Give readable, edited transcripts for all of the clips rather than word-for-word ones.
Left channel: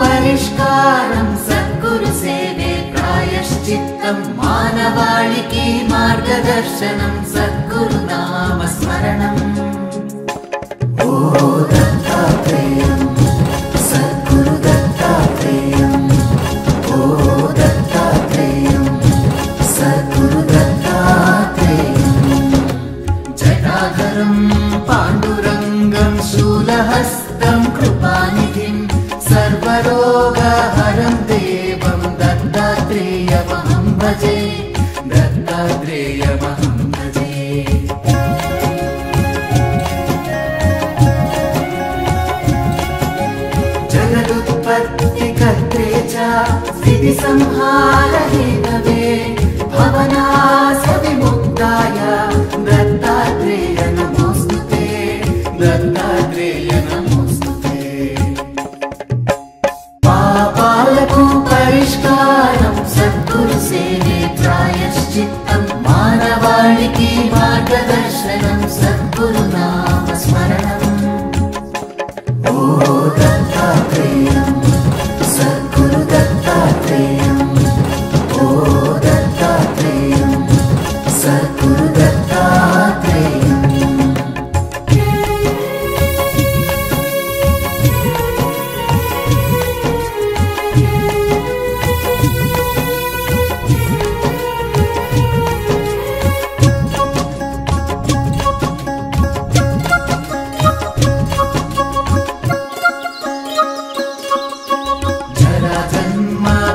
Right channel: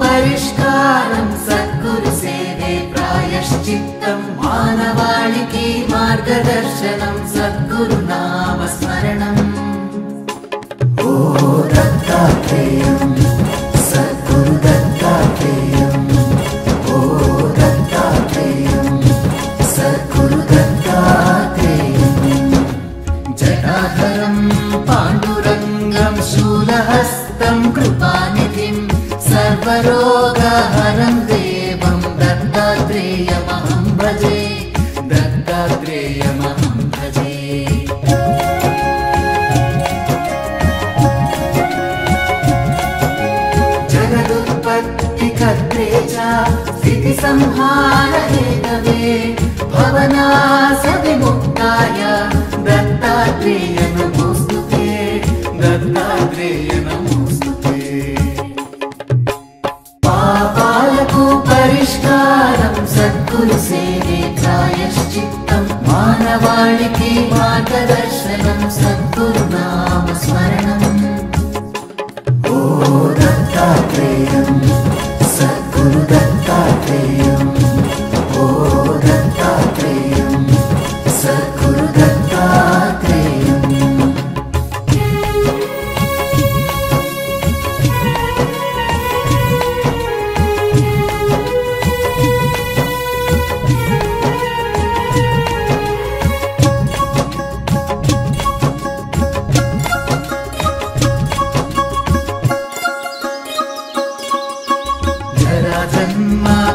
పరిష్కారం సద్గురు సేవే ప్రాయశ్చిత్తం మానవాళికి మార్గదర్శనం సద్గురు నామ స్మరణం. ఓ దత్తాత్రేయం సద్గురు దత్తాత్రేయం, ఓ దత్తాత్రేయం సద్గురు దత్తాత్రేయం. జటాధరం పాండురంగం శూలహస్తం కృపానిధిం సర్వరోగహరం దేవం దత్తాత్రేయమహం భజే, దత్తాత్రేయమహం భజే. जगदुत्पत्तिकर्त्रे च स्थितिसंहारहेतवे भवनाशविमुक्ताय दत्तात्रेय नमोस्तुते, दत्तात्रेय नमोस्तुते. पापाలకు పరిష్కారం సద్గురు సేవే ప్రాయశ్చిత్తం మానవాళికి మార్గదర్శనం సద్గురు నామ స్మరణం. ఓ దత్తాత్రేయం సద్గురు దత్తాత్రేయం, ఓ దత్తాత్రేయం సద్గురు దత్తాత్రేయం.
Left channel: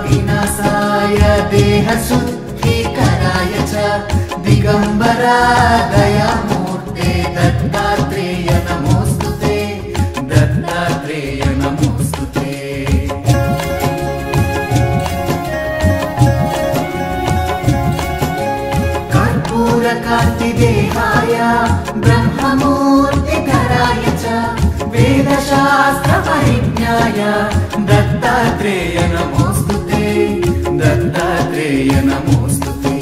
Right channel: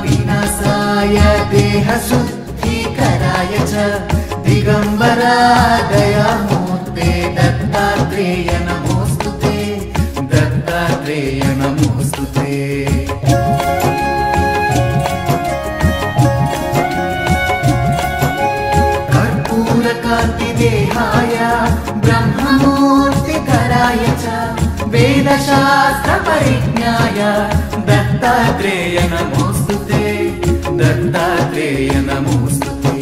विनाशाय देहशुद्धीकराय च दिगंबरा दयामूर्ते दत्तात्रेय नमोस्तुते, दत्तात्रेय नमोस्तुते. कर्पूरकान्तिदेहाय ब्रह्ममूर्तिधराय च वेदशास्त्रपरिज्ञाय दत्तात्रेय नमोस्तुते, दत्तात्रेय नमोस्तुते.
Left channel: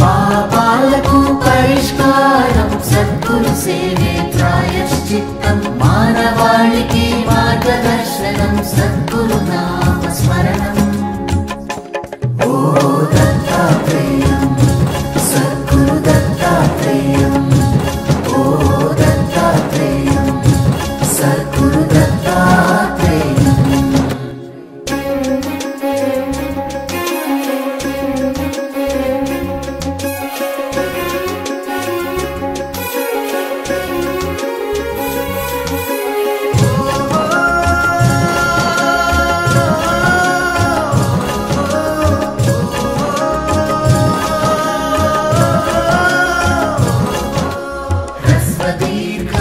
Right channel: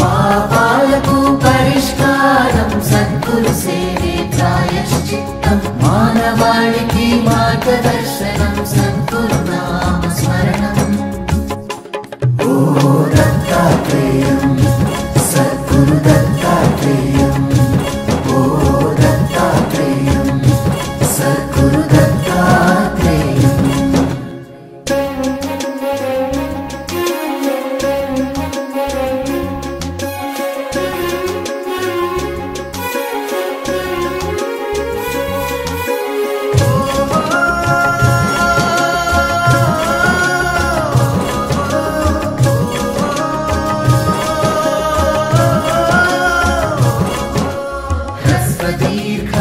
पापाలకు పరిష్కారం సద్గురు సేవే ప్రాయశ్చిత్తం మానవాళికి మార్గదర్శనం సద్గురు నామ స్మరణం. ఓ దత్తాత్రేయం సద్గురు దత్తాత్రేయం, ఓ దత్తాత్రేయం సద్గురు దత్తాత్రేయం.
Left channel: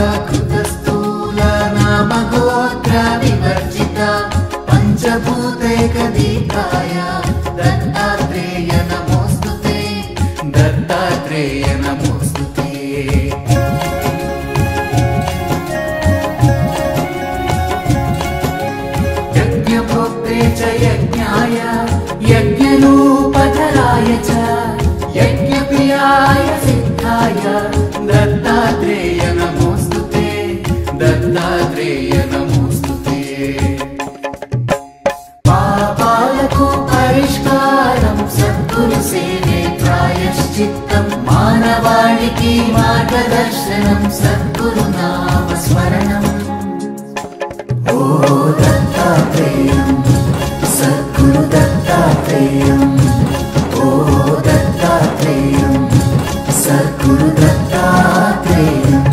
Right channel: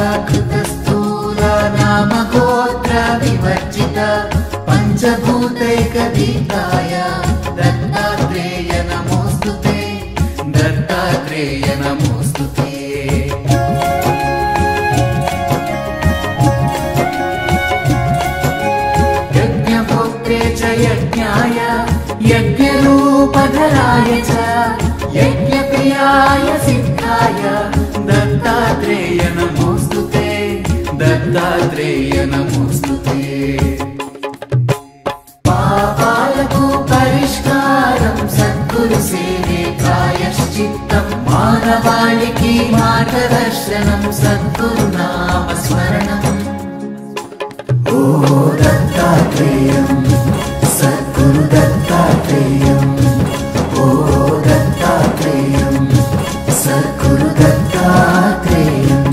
दीर्घकृतस्थूल नाम गोत्र विवर्जित पंचभूतैकदीकाय दत्तात्रेय नमोस्तुते, दत्तात्रेय नमोस्तुते. यज्ञभोक्ते च यज्ञाय यज्ञरूपधराय च यज्ञप्रियाय सिद्धाय दत्तात्रेय नमोस्तुते, दत्तात्रेय नमोस्तुते. पापाలకు పరిష్కారం సద్గురు సేవే ప్రాయశ్చిత్తం మానవాళికి మార్గదర్శనం సద్గురు నామ స్మరణం. ఓ దత్తాత్రేయం సద్గురు దత్తాత్రేయం, ఓ దత్తాత్రేయం సద్గురు దత్తాత్రేయం.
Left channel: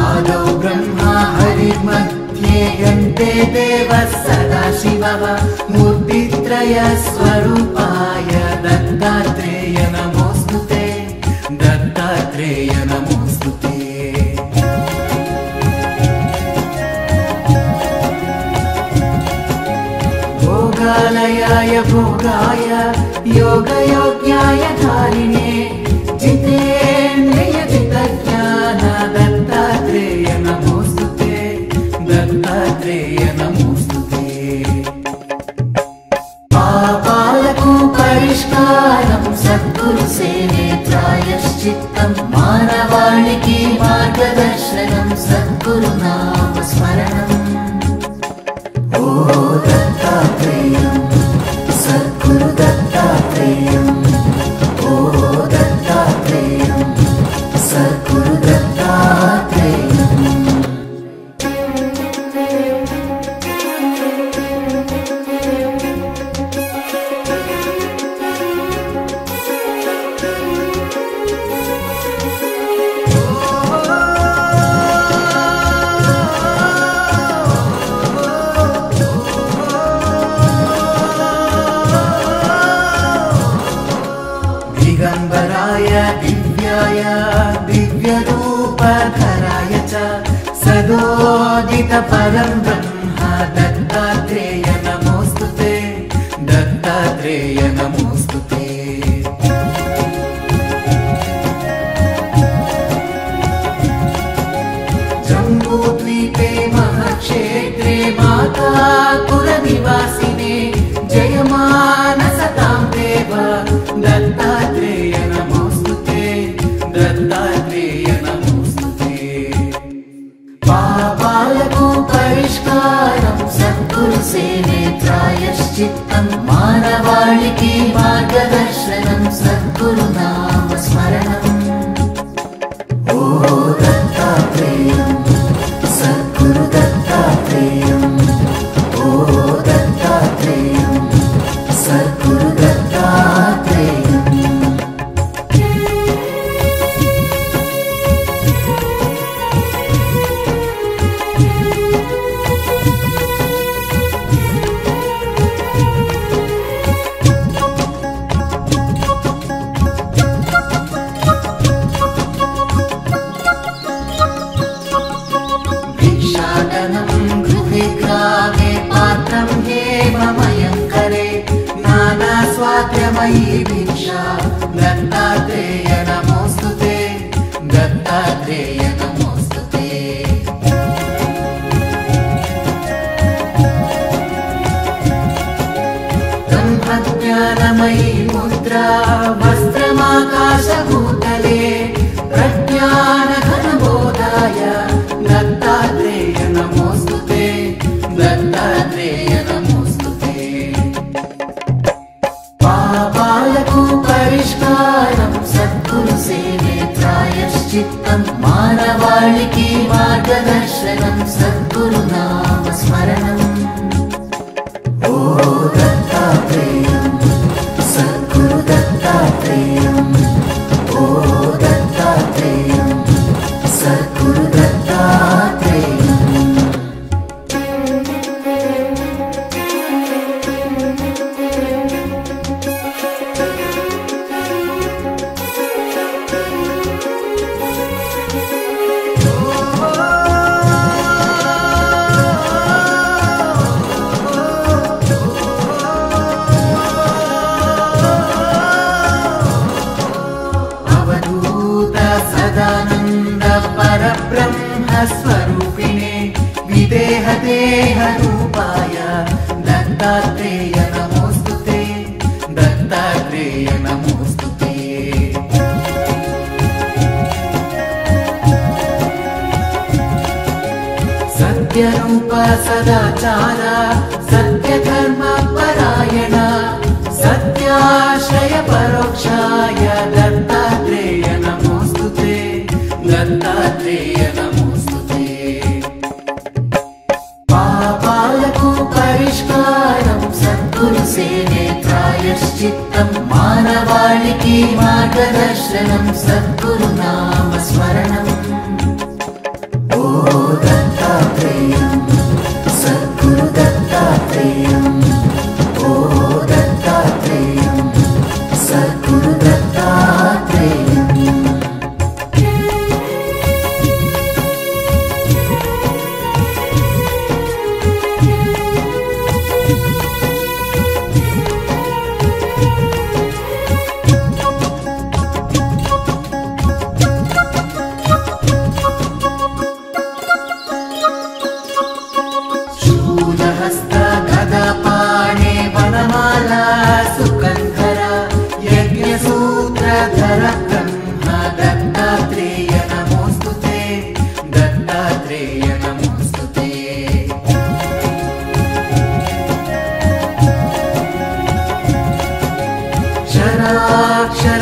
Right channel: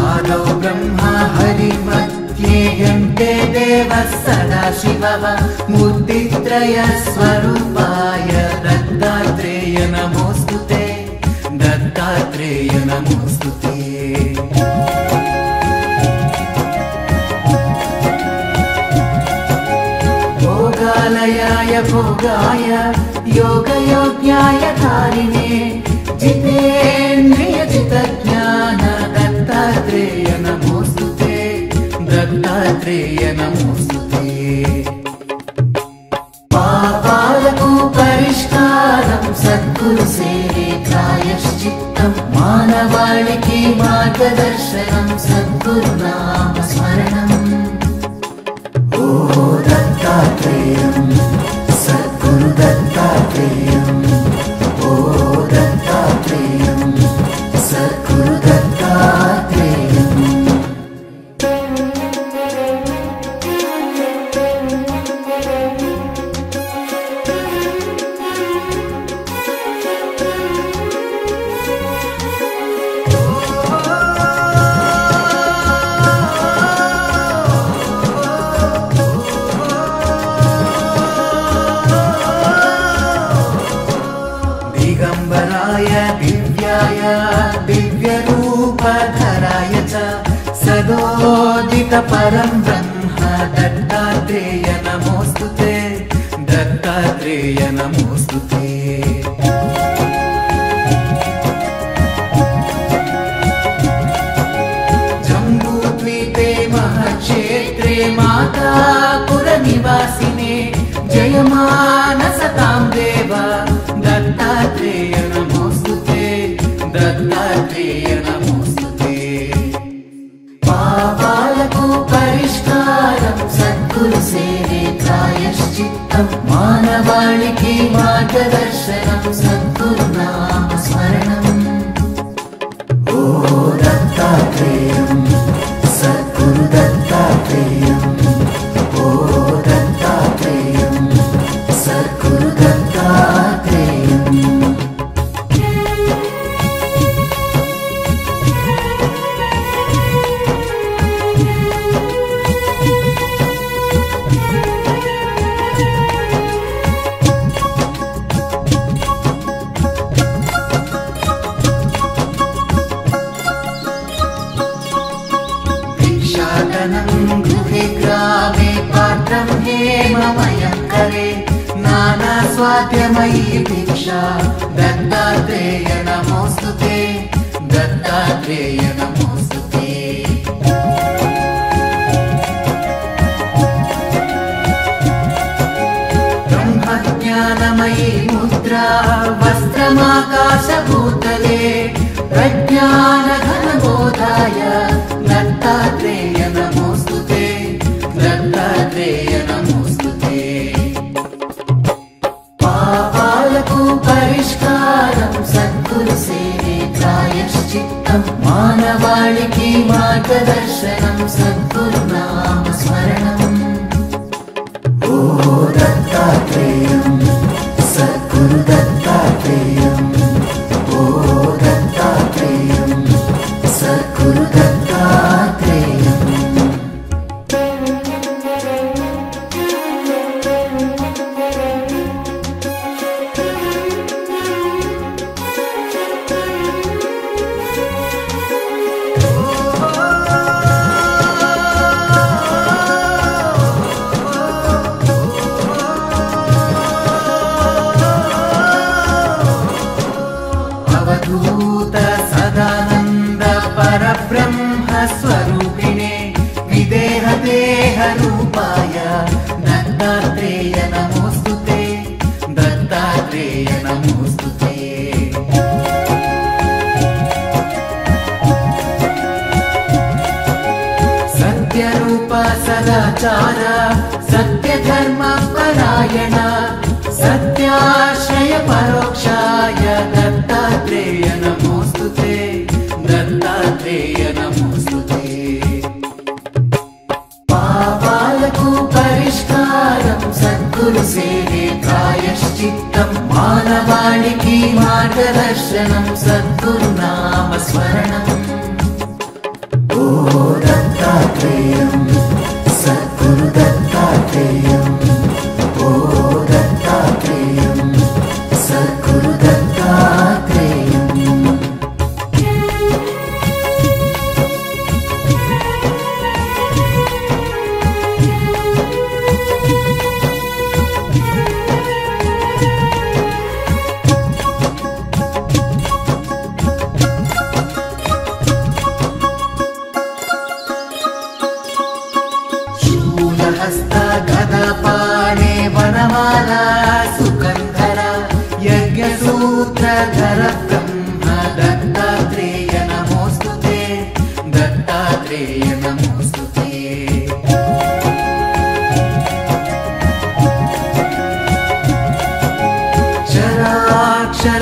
आदौ ब्रह्मा हरिमध्ये यन्ते देवः सदाशिवः मूर्तित्रय स्वरूपाय दत्तात्रेय नमोस्तुते, दत्तात्रेय नमोस्तुते. भोगालयाय भोगाय योगयोग्याय धारिणे जितेन्द्रिय जितज्ञान दत्तात्रेय नमोस्तुते दत्तात्रेय नमोस्तुते पापाలకు పరిష్కారం సద్గురు సేవే ప్రాయశ్చిత్తం మానవాళికి మార్గదర్శనం సద్గురు నామ స్మరణం ఓ దత్తాత్రేయం సద్గురు దత్తాత్రేయం ఓ దత్తాత్రేయం సద్గురు దత్తాత్రేయం दिगंबराय दिव्याय दिव्यरूपधराय च सदोदित परं ब्रह्म दत्तात्रेय नमोस्तुते दत्तात्रेय नमोस्तुते जम्बूद्वीपे महक्षेत्रे मातापुरनिवासिने जयमानसतां देव दत्तात्रेय नमोस्तुते दत्तात्रेय नमोस्तुते पापाలకు పరిష్కారం సద్గురు సేవే ప్రాయశ్చిత్తం మానవాళికి మార్గదర్శనం సద్గురు నామ స్మరణం ఓ దత్తాత్రేయం సద్గురు దత్తాత్రేయం ఓ దత్తాత్రేయం సద్గురు దత్తాత్రేయం भिक्षाटनं गृहे ग्रामे पात्रं हेममयं करे नानास्वाद्यमयी भिक्षा दत्तात्रेय नमोस्तुते दत्तात्रेय नमोस्तुते ब्रह्मज्ञानमयी मुद्रा वस्त्रमाकाशभूतले प्रज्ञानघनबोधाय दत्तात्रेय नमोस्तुते दत्तात्रेय नमोस्तुते पापाలకు పరిష్కారం సద్గురు సేవే ప్రాయశ్చిత్తం మానవాళికి మార్గదర్శనం సద్గురు నామ స్మరణం ఓ దత్తాత్రేయం సద్గురు దత్తాత్రేయం ఓ దత్తాత్రేయం సద్గురు దత్తాత్రేయం अवधूत सदानंद परब्रह्म स्वरूपिणे विदेह देह रूपाय दत्तात्रेय नमोस्तुते दत्तात्रेय नमोस्तुते सत्यरूप सदाचार सत्यधर्म परायण सत्याश्रय परोक्षाय दत्तात्रेय नमोस्तुते दत्तात्रेय नमोस्तुते पापाలకు పరిష్కారం సద్గురు సేవే ప్రాయశ్చిత్తం మానవాళికి మార్గదర్శనం సద్గురు నామ స్మరణం ఓ దత్తాత్రేయం సద్గురు దత్తాత్రేయం ఓ దత్తాత్రేయం సద్గురు దత్తాత్రేయం निर्वाणे वनमाला सुकन्धरा यज्ञसूत्रधर ब्रह्म दत्तात्रेय नमोस्तुते दत्तात्रेय नमोस्तुते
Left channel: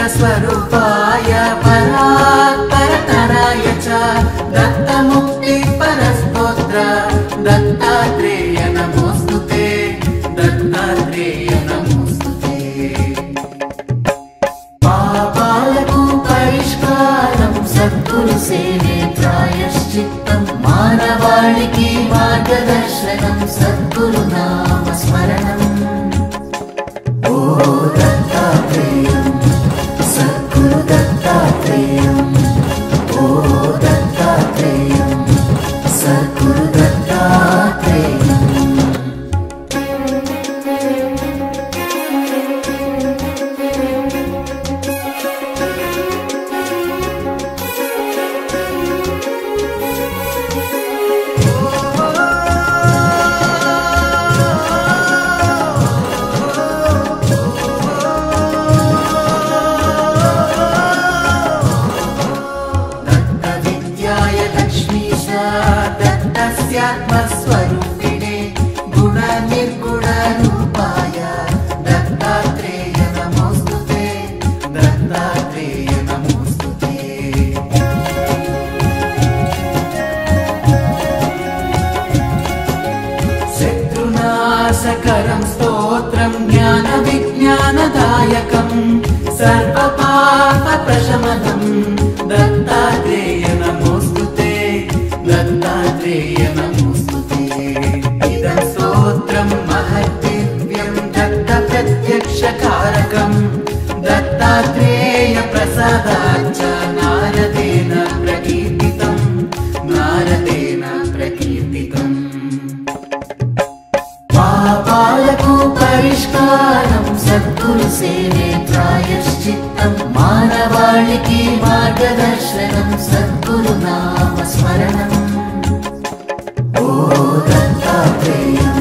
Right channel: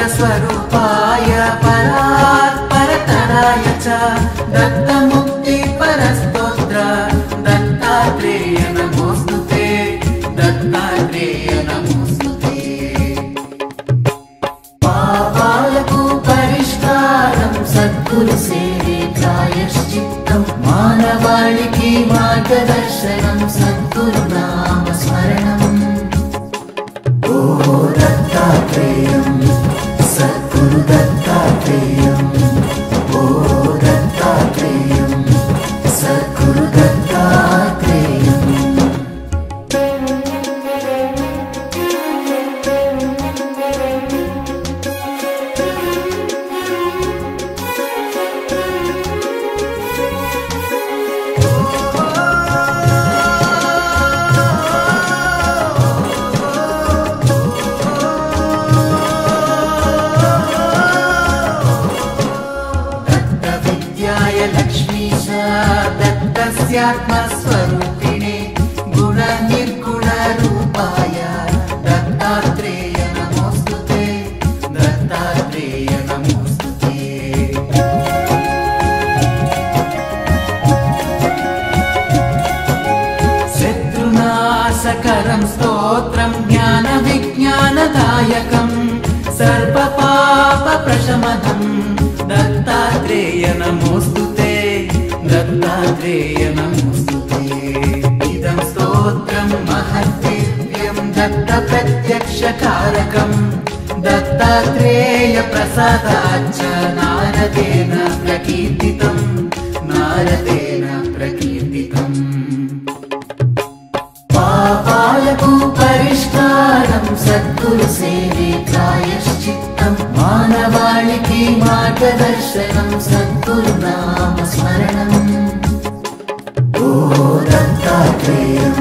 क्षराक्षरस्वरूपाय परात्परतराय च दत्तमुक्तिपरस्तोत्र दत्तात्रेय नमोस्तुते दत्तात्रेय नमोस्तुते पापाలకు పరిష్కారం సద్గురు సేవే ప్రాయశ్చిత్తం మానవాళికి మార్గదర్శనం సద్గురు నామ స్మరణం ओ दत्तात्रेयं सद्गुरु दत्तात्रेयं ओ दत्तात्रेयं सद्गुरु दत्तात्रेयं दत्तस्यात्मस्वरूपिणे गुणनिर्गुणरूपाय दत्तात्रेय नमोस्तुते दत्तात्रेय नमोस्तुते शत्रुनाशकरं स्तोत्रं ज्ञानविज्ञानदायकं सर्वपापप्रशमनं दत्तात्रेय नमोस्तुते दत्तात्रेय नमोस्तुते इदं स्तोत्रं महद्दिव्यं दत्तप्रत्यक्षकारकं दत्तात्रेय प्रसादाच्च नारदेन प्रकीर्तितं नारदेन प्रकीर्तितम् పాపాలకు పరిష్కారం సద్గురు సేవే ప్రాయశ్చిత్తం మానవాళికి మార్గదర్శనం సద్గురు నామ స్మరణం ఓ దత్తాత్రేయం